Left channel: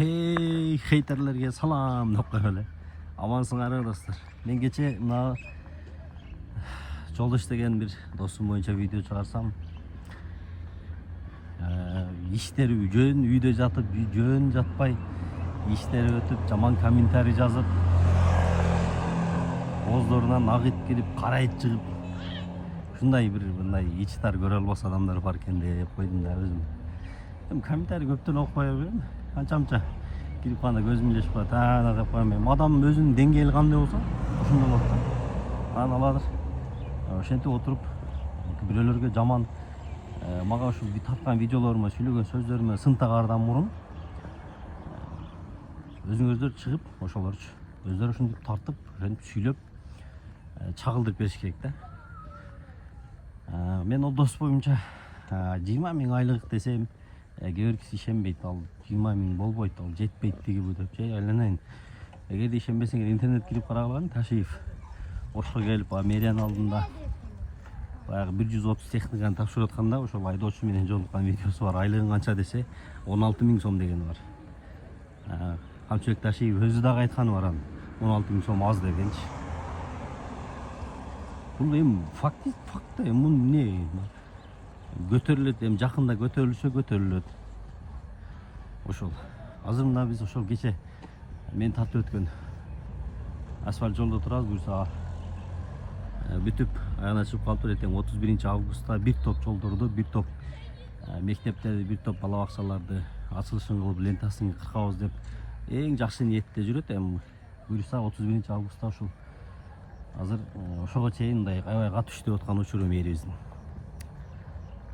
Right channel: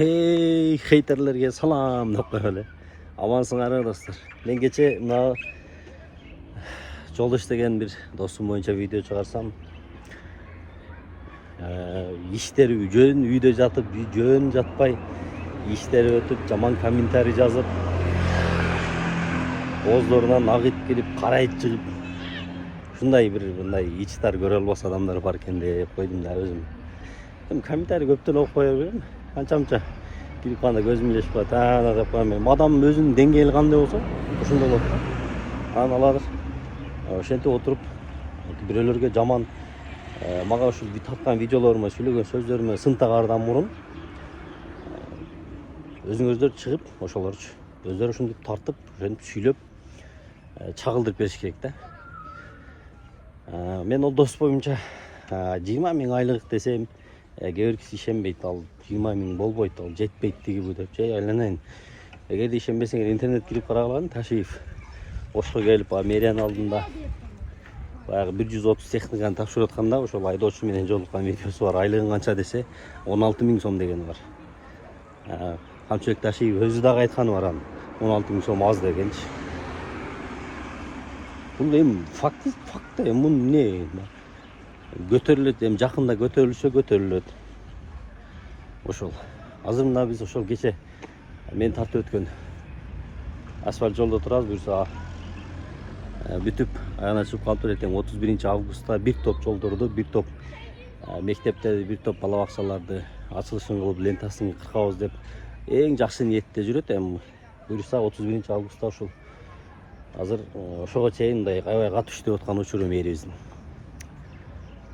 Hey хейтерлерге салам деп коелу. Амансыңарбы достор? Мен кече мына Жолдош деген бир досум боюнча видео чыгарсам, иштери жөн үйдө жатып, жөн жатпай, иштери өтүп, жаман комментарий жазып, оозлорунан агыт келип, карайт чыгып, ушундай бир мындай ичтар көрө албас адамдар бар экен деп койдум да өзүм. Эми комментарий көптөн окуп кое берем. Канча кирип калганда көзүм илешип калат. Ана деп коем мен. Адам өзүнүн деңгээли кандай болсо, ошондой болот да. Анан алар ошентип отуруп бирөөлөргө жаман мага ушул тарткан видеолорума, сүйлөгөн сөздөрүмө сын тагаардан мурун өзүңүздөр чыгып, ошолорчу өздөрү ушинтип тартып, ошентип сүйлөп чагылдырып бериш керек да. Мен ол дос боюнча 20 000 айлык десем, кээ бир киши ишенбейт. Ал 20 000 болбойт, ал жетпейт тиги бу деп. Жай айланайын. Эгерде ишенбесеңер интернет кирип карагыла, Ташиев Ошко келип, мэриянын алдында баягы 130 техниканы тапшырып атканда, ошол айдоочу менен жолуккан видеосу бар. Айлыгың канча десе, 16 000 сом дегени бар. Камчыбек Ташиев өзү дагы айтканы бар, 16 000 сом аз дегенчи. Бул эми факт эми муну эмне көтөрүлөт, эми жакында көтөрүлөт. Ошол. Азыр мына биз ошол кече мен тартып өткөн асфальт жолдо турабыз, буюрса бүтүп аягына чыгып калыптыр. Эртең 31 августта бир топ жолдорду, бир топ мектептерди, бир топ бала бакчаларды ачылышын кылып, лентасын кыркабыз деп эң жакшы ниетте жүрөт. Эми буюрса 31 августта ушул азыр ошого чейин мындай аябай катуу иштеп аткан учуру мэрибиздин.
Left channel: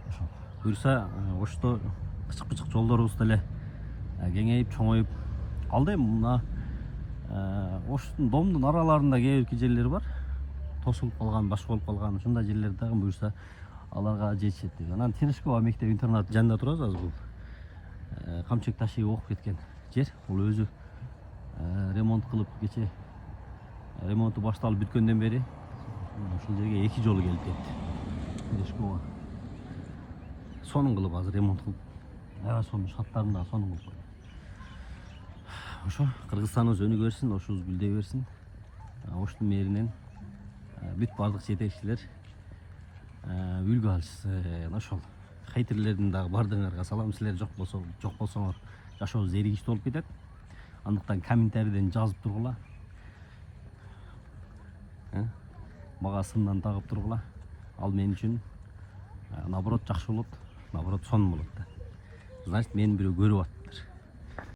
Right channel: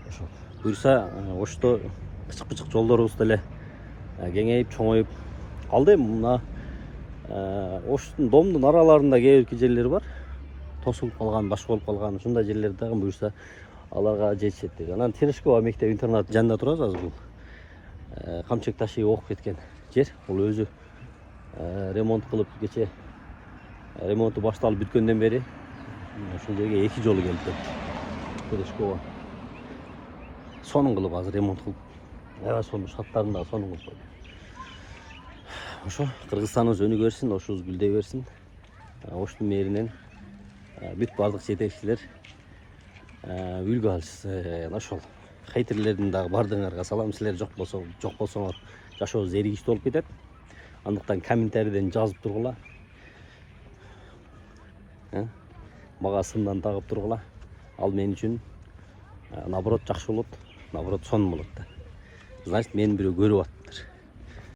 Ошол. Буюрса ошто кычык жолдорубуз деле кеңейип, чоңоюп калды. Эми мына оштун домдун араларында кээ бир жерлер бар. Тосулуп калган, башка болуп калган, ушундай жерлер дагы буюрса аларга жетишет деп. Анан Терешкова мектеп интернат жанында турабыз азыр бул. Камчыбек Ташиев окуп кеткен жер. Бул өзү ремонт кылып, кече ремонту башталып бүткөндөн бери ушул жерге 2 жолу келип кетти. Терешкова сонун кылып азыр ремонт кылып, аябай сонун шаттарын дагы сонун кылып койду. Ошо Кыргызстаныбыз өнүгө берсин, ошубуз гүлдөй берсин. Оштун мэринен бүт бардык жетекчилер үлгү алышсын. Ошол хейтерлердин дагы бардыгыңарга салам. Силер жок болсоңор жашообуз эригиштүү болуп кетет. Андыктан комментарийден жазып тургула. Мага сындан тагып тургула. Ал мен үчүн наоборот жакшы болот, наоборот сонун болот да. Значит, мени бирөө көрүп атыптыр.